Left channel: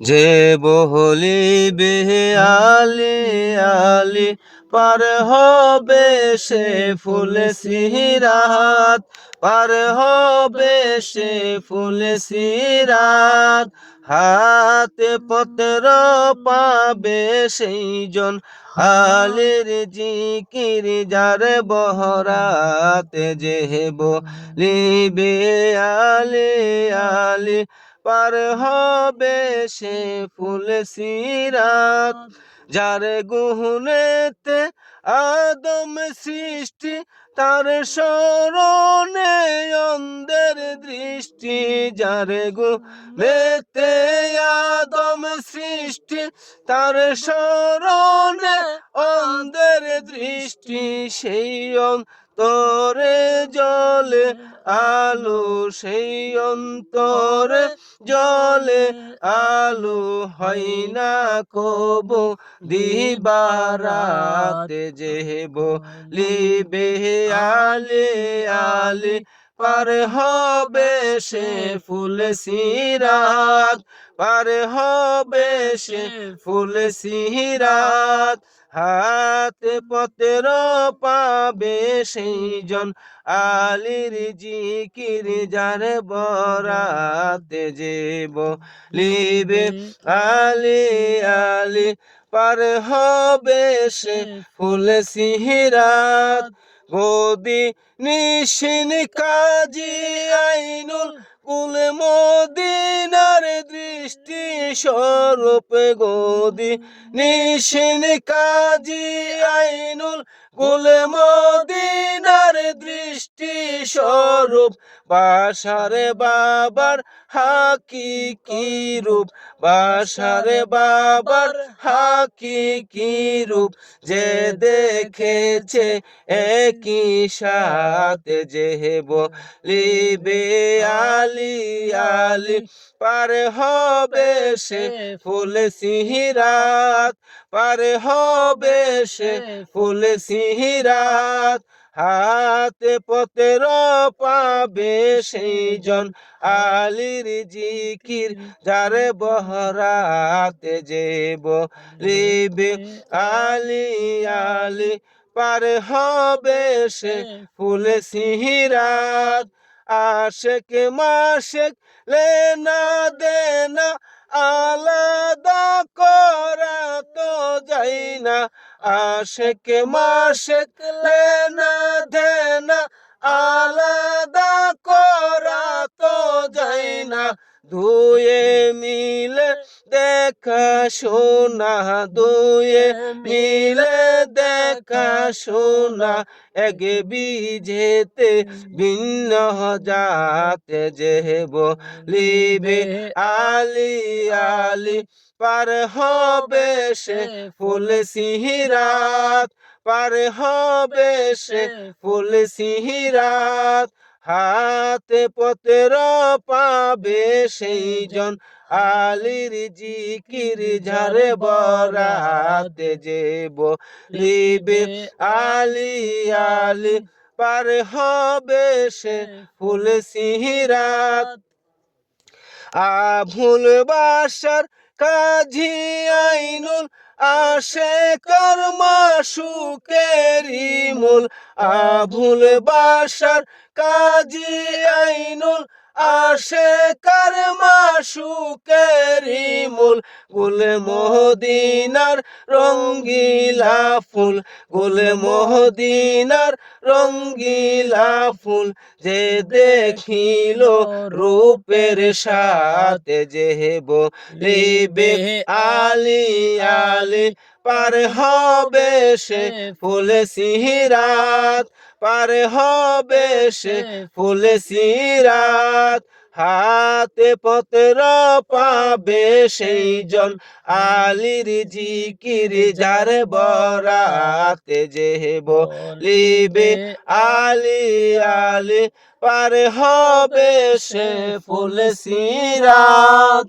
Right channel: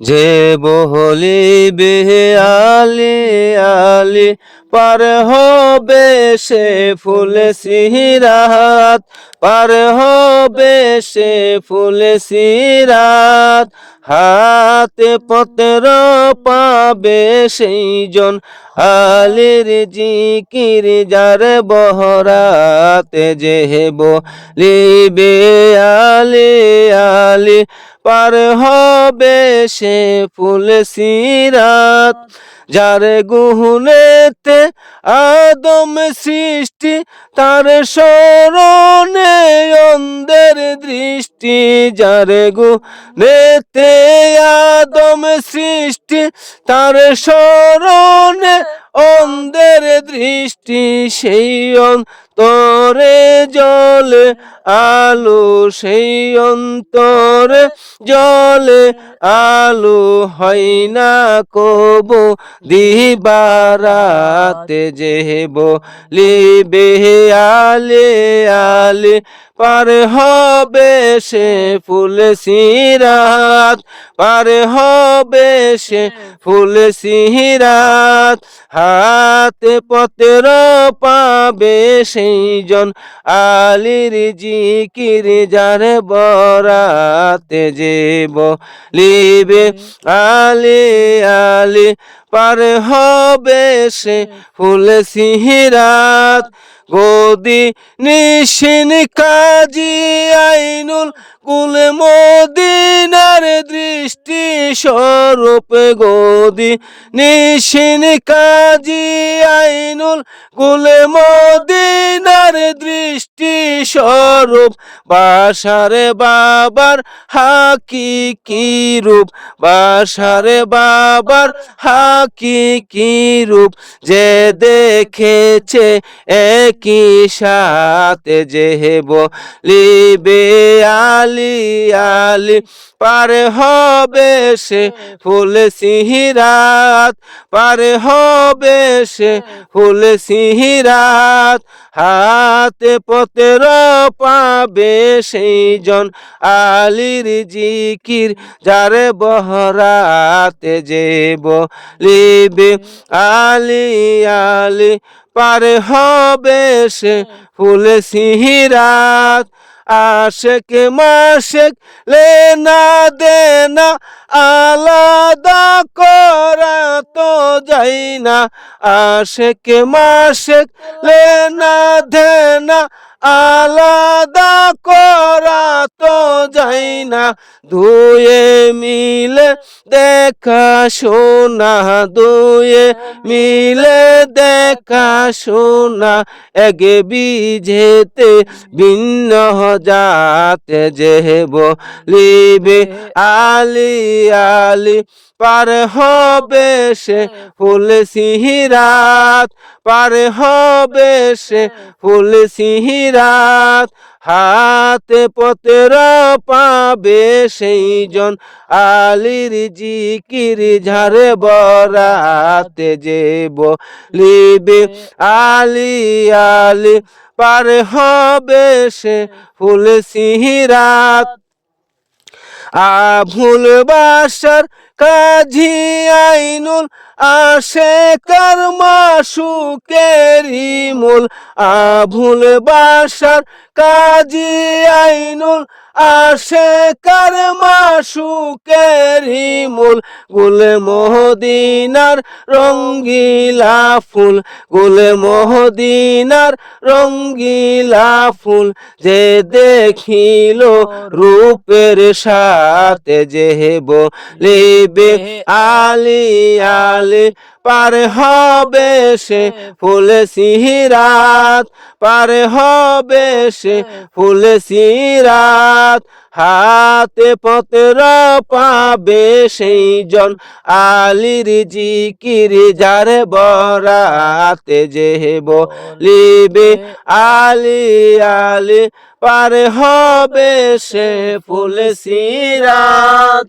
যে বহলি আলি আলি পার হবে সে ফুল সিরাত, পার হবে সে ফুল সিরাত। হাতে পত্র পাবে সেই জন আলির জিকির, যার বহরাতে যে লিবে আলি আলি পার হবে সে ফুল সিরাত। যার গুহনেতে আদম সৃষ্টি, তার স্মরণে অন্ধের দৃষ্টি, যার গুহনেতে আদম সৃষ্টি, তার স্মরণে অন্ধের দৃষ্টি, সেই অন্তরে জলে আলো, সেই অন্তরে জলে আলো হয় না কব। দিবারাতে যেব লিবে আলে আলে, পার হবে সে ফুল সিরাত, পার হবে সে ফুল সিরাত, হাতে পত্র পাবে সেই জন আলির জিকির যার বরাতে যেব লিবে আলি আলি পার হবে সে ফুল সিহিরাত। গদি নিশিন কাজী আইনুল কুল মদিনার দৃষ্টি স্বরূপ। গদি নিশিন কাজী আইনুল কুল মদিনার দৃষ্টি স্বরূপ, বাসারে বাবার হাকি কি রূপ, বাসারে বাবার হাকি কি রূপ, যে দেখেছে একই সাথে যে লিবে আলি আলি, পার হবে সে ফুল সিহিরাত, পার হবে সে ফুল সিহিরাত হাতে পতের পাবে সেই জন আলির জিকির, যারে বহরাতে যে বলিবে আলি আলি, পার হবে সে ফুল সিহিরাত। আশেক মাশেক লেনা দেনা আলাদা করা তো যাই না। আশেক মাশেক লেনা দেনা আলাদা করা তো যাই না। দুয়ে মিলে দেখা শোনা, দুয়ে মিলে দেখা শোনা। এক বিজেতে ভিন্ন যাতে যে লিবে আলি আলি, পার হবে সে ফুল সিহিরাত। পার হবে সে ফুল সিহিরাত, হাতে পতের পাবে সেই জন আলির জিকির ঝাড়ে বরাতে যেব লিবে আলি আলি পার হবে সে ফুল সিহিরাত। আভুল বাসার কাজী আইনুল আসে কর্মা সুকেরি মূল আভুল বাসার কাজী আইনুল আসে কর্মা সুকেরি মূল গুল মহদিনার রঙ্গিলা ফুল, গুল মহদিনার রঙ্গিলা ফুল। যে দেখিল রূপের সাথে যে লিবে আলি আলি পার হবে সে ফুল সিহিরাত পার হবে সে ফুল সিরাত। হাতে পত্র পাবে সেই জন আলির জিকির যার বরাতে যেব লিবে আলি আলি পার হবে সে ফুল সিরাত।